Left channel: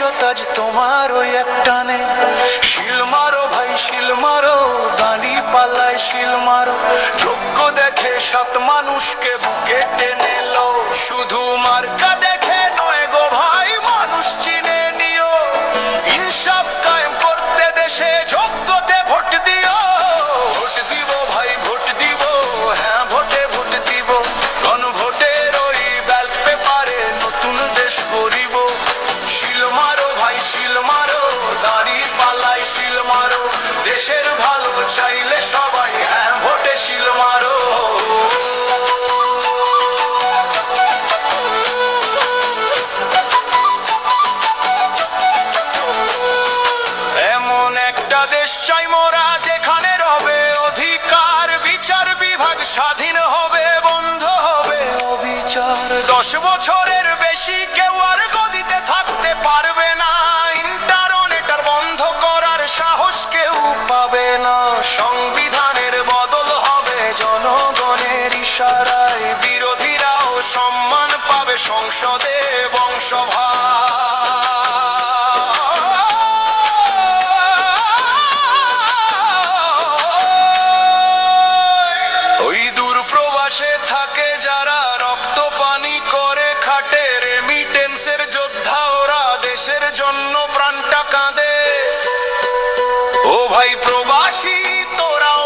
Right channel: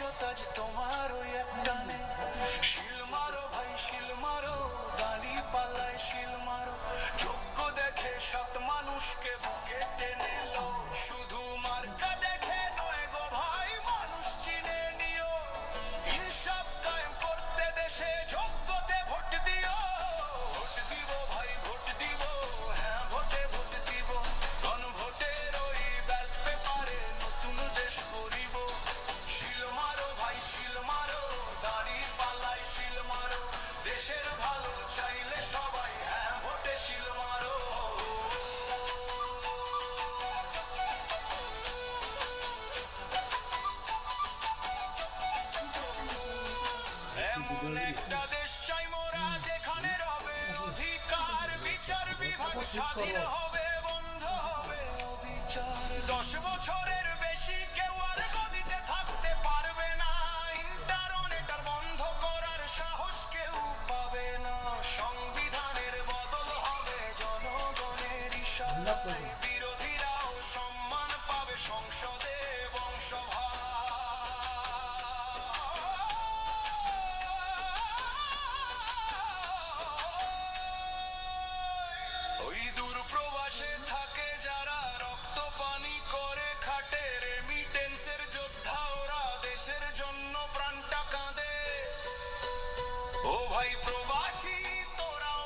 ভবিষ্যৎ আজ তোমার ওই এক টানে। শিল মারো ভাই শিল মারো, দাঁড়ি পাল্লায় শিল মারো, যোগ্য দেখে সাত মানুষকে বুকে টেনে লো। শুধু মার্কা দেখে নয় গো ভাই, মানুষ চিনে নিও। ইনসাফ কায়েম করতে দেশে যোগ্যতে ভোট দিও। ভোট দিব ভাই ভোট দিব, হ্যাঁ ভোটে ভোট দিব। গণভোটের ওই ব্যালট পেপারে নতুন দেশ গড়িব। শিল মারো ভাই শিল মারো, দাঁড়ি পাল্লায় শিল মারো, দেশের ভালো চাইলে সবাই হ্যাঁ ভোটে শিল মারো। এমন একটা দেশ চাই মোরা, যেখানে রবে অধিকার, বিচার বিভাগ স্বাধীন হবে, বন্ধ হবে অবিচার। 10 বছরের বেশি কেউ আর গদিতে থাকতে পারবে না, ইন্টারনেট বন্ধ করার সাহস কেউ পাবে না। সংবিধানের বদল হবে জনগণের ইশারায়, বিরোধীরাও সম্মান পাবে সংসদে বংশভার। ওই দূর প্রবাসে থাকে যারা, রক্ত পানি করে খাটে, রেমিটেন্সের যোদ্ধা ওরা, দেশের জন্য প্রাণটা কাঁদে। ও ভাই প্রবাসী তোরাও